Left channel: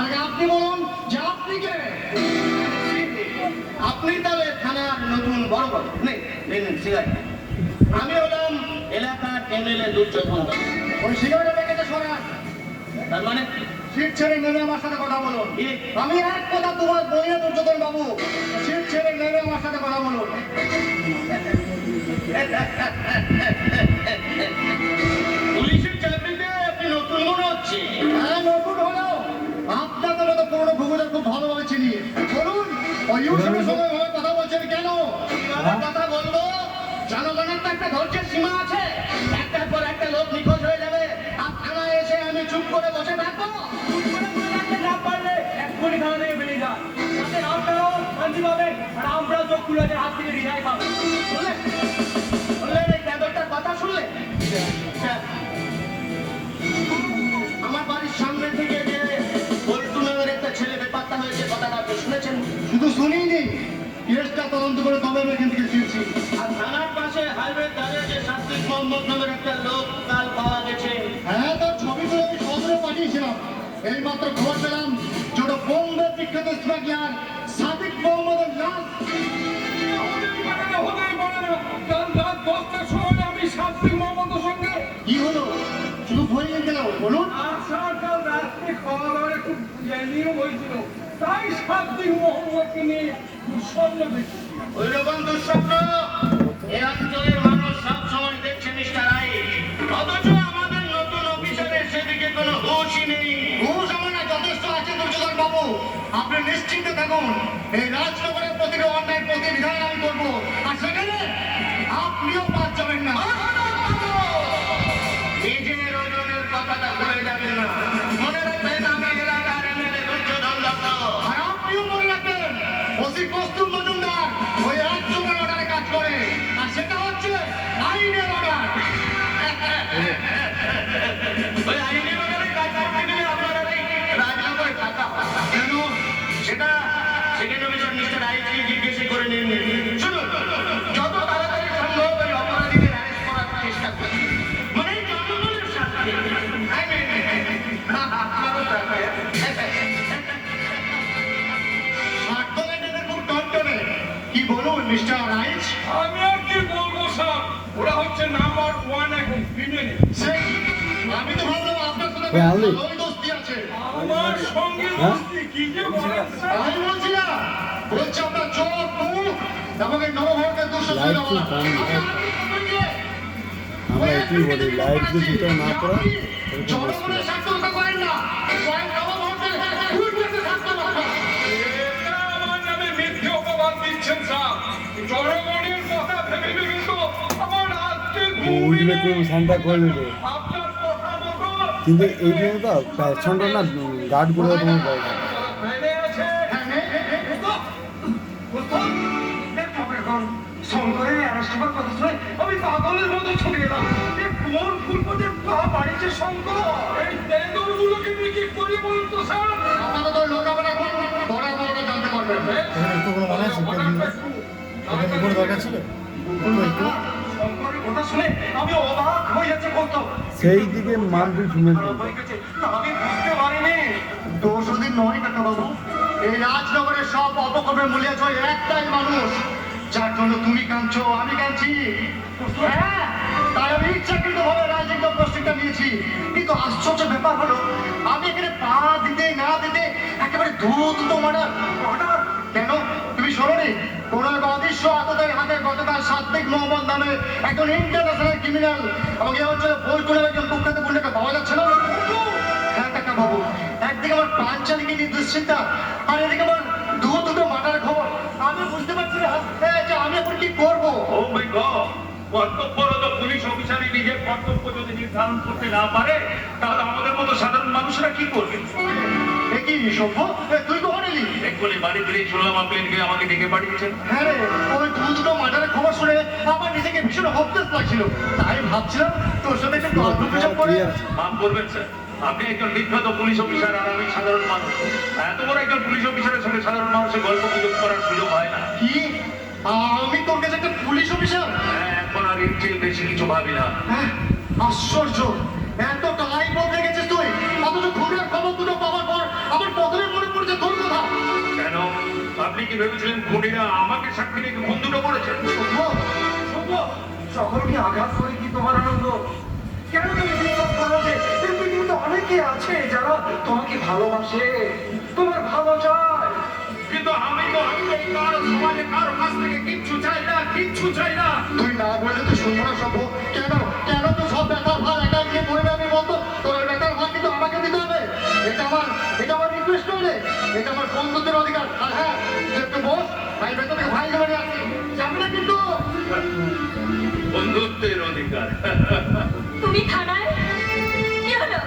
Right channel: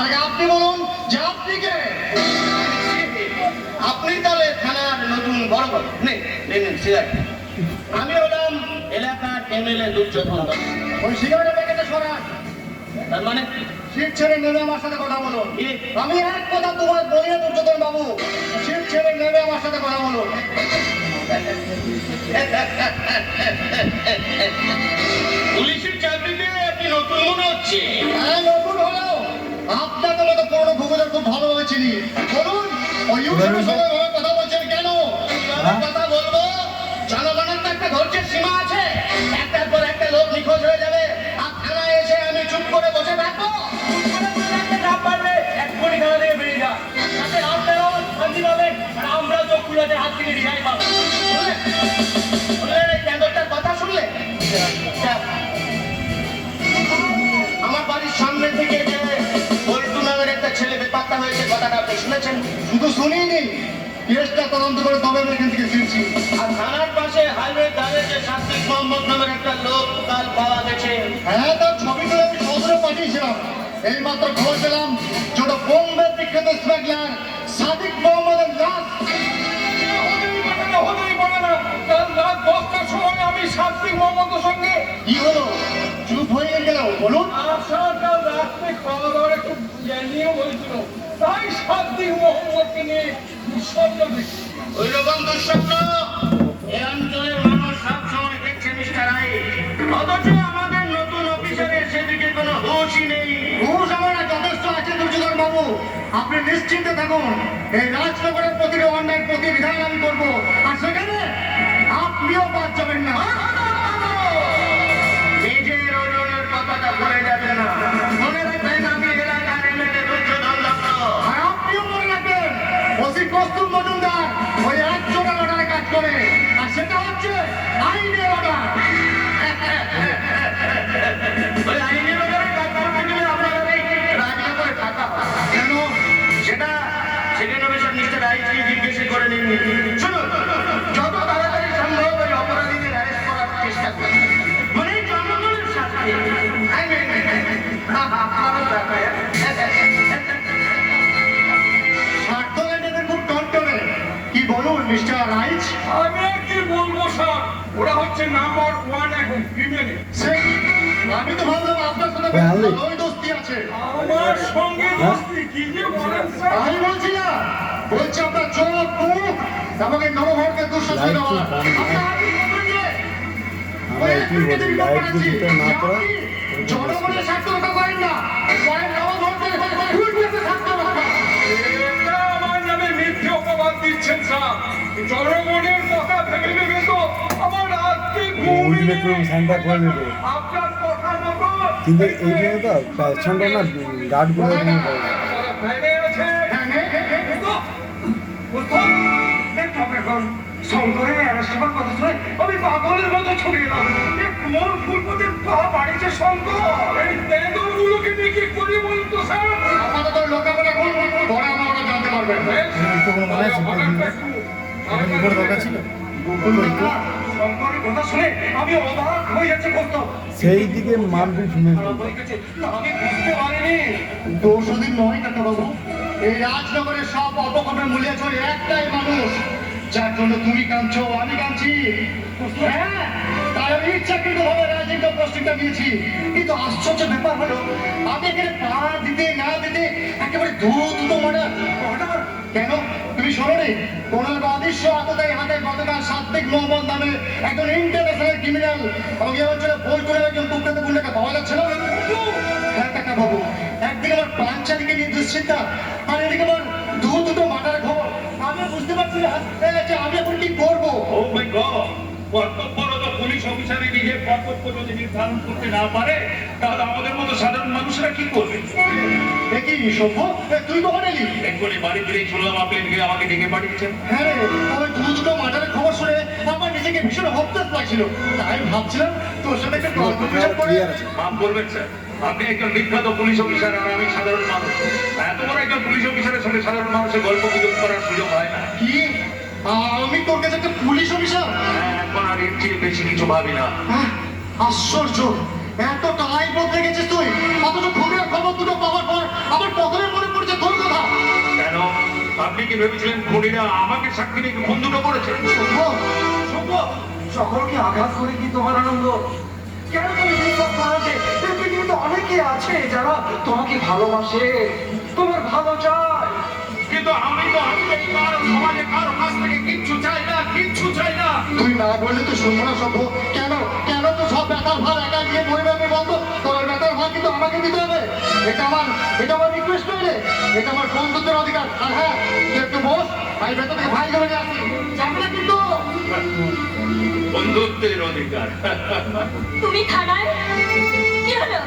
তার আগে আপনি বলুন যে আপনি কে? আপনি তাহলে থানার নতুন বড় বড় নেই সিগারেট। আমি হলাম এলাকার এমএলএ দুর্যোধন। ওই সিগারেটের প্যাকেটে সরান। তার মানে সিট ছেড়ে নেমে আমার সাথে কথা বলুন। আমি এক কথা তোমার বলি না দুর্যোধন বাবু, সিট ছেড়ে নেমে আমার সাথে কথা বলুন। পুলিশের চাকরিতে আপনি নতুন মনে হচ্ছে। হ্যাঁ নতুন হলেও আপনাকে মতো পুরনো ভূমিদের খুব ভালোভাবে চিনি। বলুন ওই ইউসুফের সঙ্গে ওভাবে কথা বলছেন কেন? কথা বলবো, জনগণের তো একটা ধৈর্যের সীমা আছে। একটার পর একটা লোক নিখোঁজ হয়ে যাবে আর থানায় এসে আমি চুপ করে বসে থাকবো? চুপ করে বসে থাকতে না পারলে এক্ষুনি থানা থেকে বেরিয়ে যা, তাতে আপনারাও শান্তি পাবেন আর আমরাও চোখ খুলে হাত থেকে রিহাই পাবো। শুনলেন শুনলেন এই ব্যাপারটার কথা শুনলেন? আমার বাড়ির সামনে থেকে যে বল্টু নামের একটা ছেলে বেপাত্তা হয়েছে, কথাটা আপনি শুনেছেন? শুধু শুনিনি, কেসটা তদন্ত করে তবে আমি এখান থেকে ফিরছি। আর থানার পাশে হাইওয়ে ধারে যে সাত্বিক মোহাম্মদ নামের একটা লোক কাল পাওয়া গেছে। হ্যাঁ তার ছবি তুলে আমি খবরে পাঠিয়েছিলাম। এই মাত্র খবর পেলাম ছোট বোম্বে বিখ্যাত স্মাগলার সাদিক মোহাম্মদের লাশ। হতেই পারে না, কাল রাত 10টার সময় আমি সাত্বিক মোহাম্মদের সঙ্গে। কি হলো চুপ হয়ে গেল? বলুন। কাল রাত্রে খাওয়া দাওয়ার একটু জানিয়েও হয়েছিল, তাই সাত্বিক মোহাম্মদকে নিয়ে দুঃস্বপ্ন দেখছি। ওই রকম দুঃস্বপ্ন এ অঞ্চলের মানুষ সব সময় দেখছে মিস্টার রাইট, অথচ আমাদের নতুন অফিসারের সেদিকে কোনো হুঁশই নেই। হুঁশ আমার যথেষ্ট আছে দুর্যোধন বাবু, আপনি নিশ্চিন্তে থাকুন। এই রাজনগরের প্রতিটি অন্যায় প্রতিবিধান আমি করবো, আর সেখানে আপনিও বাদ যাবেন না। নিজের ওজনের কথাটা ভুলে যাবেন না, মনে রাখবেন আমি এলাকার এমএলএ দুর্যোধন দত্ত। আর আপনিও মনে রাখবেন ওসি কস্তুম মজুমদার ওই একজনের অর্ডারে কাজ করে, আর সেটা হচ্ছে আইনের অর্ডার। ওই আইনের অর্ডারে কাজ করতে গেলে আপনারা এই রাজনগরে থাকা কেন সেটা সেকেন্ড অফিসার মিস্টার আইজি জিজ্ঞেস করে নিন। শুনুন, যত তাড়াতাড়ি সম্ভব ওই অপরাধীদের অ্যারেস্ট করার চেষ্টা করুন, মানে জনগণের সাথে। কি বলুন মিস্টার রাইট? আমি আর কি বলবো স্যার, ওরা হচ্ছে নাম্বার 1 এখন ক্রিমিনাল। আমি তো ভাবলাম আপনার সাথে ভালোই দোস্তি আছে। আমার সঙ্গে দোস্তি কি যে বলেন স্যার? আমি বলছি না, বলছি আপনার চোখ মুখ আমাকে নবভারতের দুঃশাসন। আমরা একই বলি, লাইট যদি দুটো না পড়া জনগণের স্বার্থ রক্ষা করেন না, করেন নবভারতের স্বার্থ রক্ষা। এটা আমার নামে মিথ্যে অপবাদ দিচ্ছেন স্যার। জনগণের কথা ভেবে ভেবে তো আমার রাতকে উঠবে তো সান্তা করে দেবে, আপনার কথা মতো কিন্তু এই জন্য তো প্যাশনটা না গার্ড করে তোমার ভেবে আছে। শঙ্করের অ্যারেস্ট হওয়ার কথা শুনে আমি পাগলের মতো ছড়িয়ে এলাম। কোন ফুলপথের পা বাড়িতে শঙ্কর? এই তেঁদুলগুলোকে নিয়ে কি করি বলুন তো স্যার? আপাতত লোকাবেলা করুন, পরে আমরা ওটা জানতে পারবেন। উপরে দেখা ছিল শঙ্করের কথা শুনে আমি অবাক হয়ে যাচ্ছে কত। সেই দিকে মারপিট শুনেছি। আমি বুঝতে পারিনি দোষ ওদিন নয় কাকাবাবু, এই রাজনগরের সব অপকর্মের মূল্যে চলে একটাই মানুষ, যার জন্য তুমি কাঁদছো আমি কাঁদছি। হ্যাঁ, তাই আমি ইচ্ছাকৃতভাবে রাজনৈতিক পোস্টিংটা নিয়েছি। কিন্তু আশ্চর্য ব্যাপার হলো আমি এখানে পা দিতে না দিতে একেবারে দুটো মার্ডার। কেন তুমি শোনোনি? কোন এক অদৃশ্য আততায়ীর হাতে গতকাল সাত্বিক মোহাম্মদ নামে একজন ইন্টারন্যাশনাল ক্রিমিনাল এবং এই অঞ্চলে বলকুলের একজন কুখ্যাত গুন্ডাকে পাওয়া যাচ্ছে না। হ্যাঁ কাকাবাবু, একদিকে আমার পাঞ্চালিকে নিয়ে দুশ্চিন্তা, আর এদিকে আমার দুটো মার্ডার খবর। আমি বুঝতে পারছি না যে আমি এখন কি করবো। ও মাই গড, কর্তব্যরত পুলিশ অফিসারই নিজের কর্তব্য যদি নির্ধারণ করতে না পারে, তাহলে আমাদের মতো সাধারণ মানুষরা কি করবে? দেখি সভ্য, তুই কখন এলি? এক্ষুনি বাড়ি ফিরেই শুনলাম আপনি আমাকে ডেকে পাঠিয়েছেন। হ্যাঁ রে, ওই দুটো মার্ডারের খবর শুনে আমার নিজেকে ভীষণ হতাশ লাগছিল, তাই ভাবছিলাম তোর সাথে একটু গল্প গুজব করে। মাফ করবেন স্যার, আপনি একজন বিখ্যাত পুলিশ অফিসার আর আমি সাধারণ মানুষ। এত বড় একজন পুলিশ অফিসারের সঙ্গে সাধারণ মানুষের গল্প গুজব করার সুযোগ হয় না। কি আমি তোর কাছে একটা পুলিশ অফিসার? হ্যাঁ, এখন আর এর চেয়ে বেশি কিছু ভাবি না। আশ্চর্য, এত টাই বলতে গেছিস তুই, অথচ ঘুরে খবর দুটো পাওয়ার পর আবার কত কি ভেবেছিলেন খুনিরা আমাকে সাক্ষী রেখে খুন দুটো করেছে? সকলকে আঘাত করে কি তোমার আনন্দ? কেন তুমি বিশ্বাস করো যে এই পৃথিবীতে অনেকে আছে যারা তোমাকে ভালোবাসে, তোমার ভালো চায়? কিন্তু আমি তো কারো সমাজে কারো কাছ থেকে কিচ্ছু চাই না, কিচ্ছু চাই না। তুই না বললে তো শুনবো না সভ্য। কেন কেন তো সব ব্যাটার ভার একা নিয়ে বইবে? আমি বলতো তোর ওই ব্যাটার ভার কিন্তু আমাকে দিতে হবে। এটা আমার রিকোয়েস্ট নইলে, এটা আমার বন্ধুত্বের অধিকার। আর হ্যাঁ, তুই একটু বস, আমি ভেতর থেকে ভাই ধরে নিয়ে আসি, যাবে না কিন্তু। বন্ধুত্বের অধিকার। তুমি থানায়? কি হলো?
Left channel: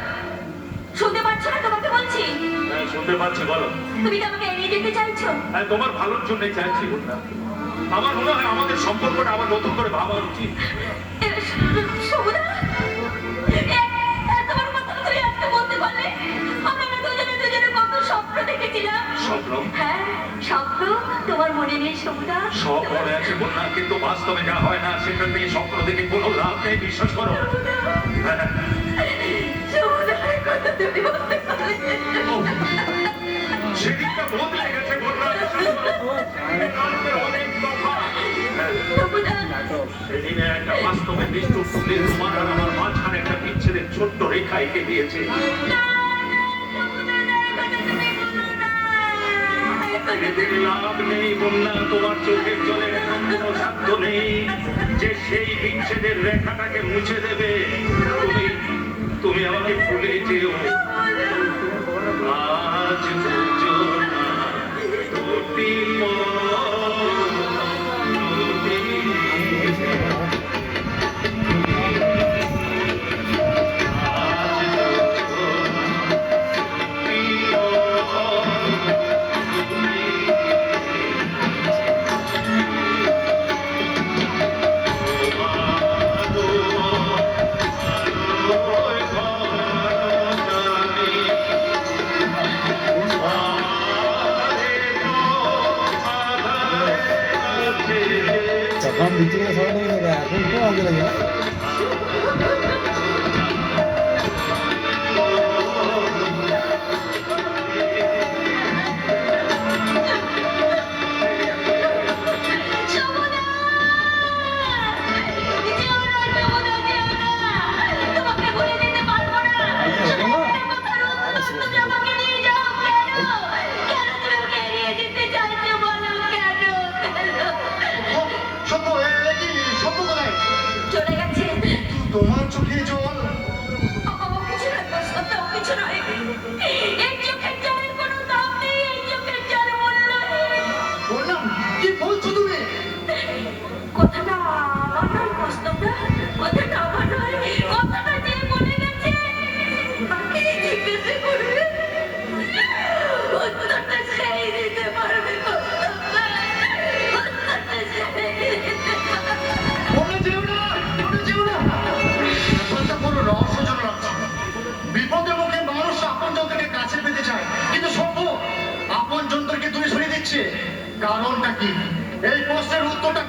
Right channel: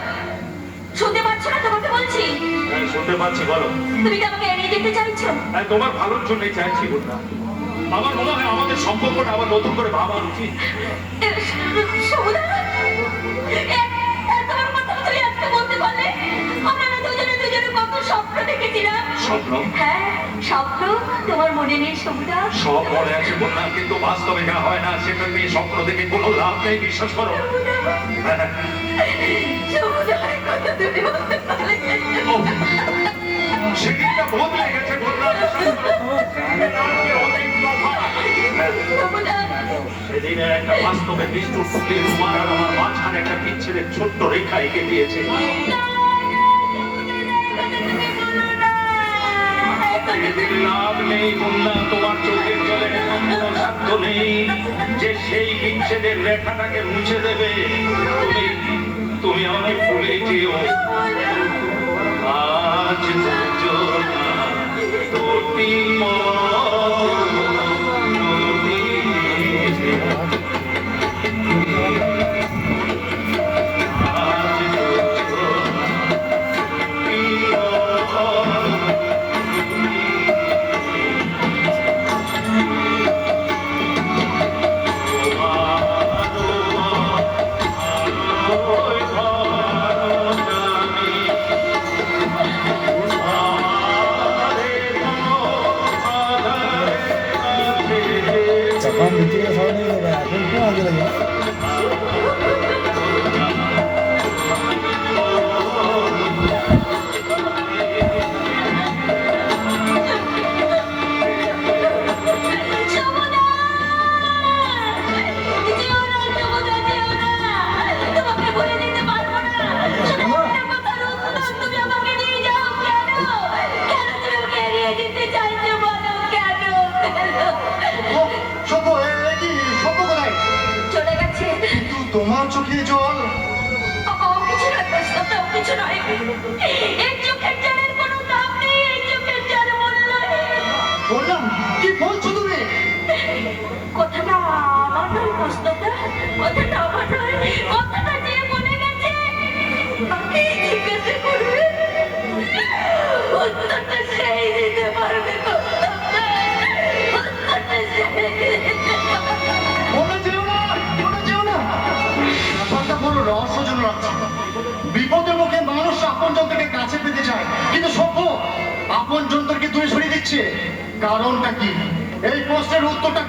শুনতে পাচ্ছ না তোমাকে বলছি? হ্যাঁ, শুনতে পাচ্ছি, বলো। তুমি কি আমাকে এড়িয়ে যেতে চাইছো? হ্যাঁ, তোমার ভালোর জন্যই চাইছি বন্যা। আমার মনে হয় আমাদের সম্পর্কটা আবার নতুন করে ভাবা উচিত। সমুদা, এত বড় কথা তুমি আজকে বলতে পারলে? আমরা না দুজনে কত স্বপ্ন দেখেছিলাম। স্বপ্ন? হ্যাঁ, স্বপ্ন। তোমার মনে নেই সমুদা? সব মনে আছে বন্যা, কিন্তু বাস্তবে যা হয় না সেটা নিয়ে স্বপ্ন দেখে কোনো লাভ নেই, বিশ্বাস করো। হ্যাঁ, সমুদার কথা তুমি বলতে পারলে? সেদিনটা বদলে গেছে বন্যা, বিশ্বাস করো। সেদিনের অনেক তফাৎ। সমুদা, সেদিনের একটা বাস্তবে নিষ্ঠুর ফুলের তোমার আর আমার মাঝখানে একটা বিচ্ছেদের ছোট্ট রেখা এঁকে দিয়েছে। এদের লাভ নেই বন্যা, তোমার চোখের জলের কোনো সাধ্য নেই যে সেই বিচ্ছেদের রেখাটাকে মুছে দেবে। তুমি আমাকে ভুলে যেও। আজ যোজনা দুটি তখন দিচ্ছি সবাই নিয়ে যাবে, এখন তো আগে লাগে। সমুদা! যেও না, সমুদা, যেও না। তোমাকে ভুলে যেতে পারবো না। শুধু একটা কথার উত্তর তুমি আমাকে দিয়ে যাও কেন? কেন তুমি আমাকে এড়িয়ে যেতে চাইছো বলো কেন? সভ্য, কি সভ্য কোথায়? চলে গেছে। তোমার চোখে জল? কিছু নয় প্রশ্নটা, কিছু নয়। এই চোখের জলের কোনো দাম নেই, এই চোখের জল মূল্য নেই। বললাম, কি বলছো তুমি? কথাটা আমার নয় প্রশ্নটা, কথাটা আমার নয়, কথাটা যে বলে গেছে তাকে জিজ্ঞাসা করবে, উত্তরটা সেই দিতে পারবে। উত্তরটা সেই দিতে পারবে। মনে যেও না, মনে যেও না। ব্যাপারটা বড় রহস্যজনক লাগছে। বিপদের মুখে মানুষ আপনজন থেকে কাছে পেতে চায়, কিন্তু সভ্য আপনজন থেকে দূরে সরিয়ে দিচ্ছে। কারণটা কি? এই প্রশ্নের উত্তরটা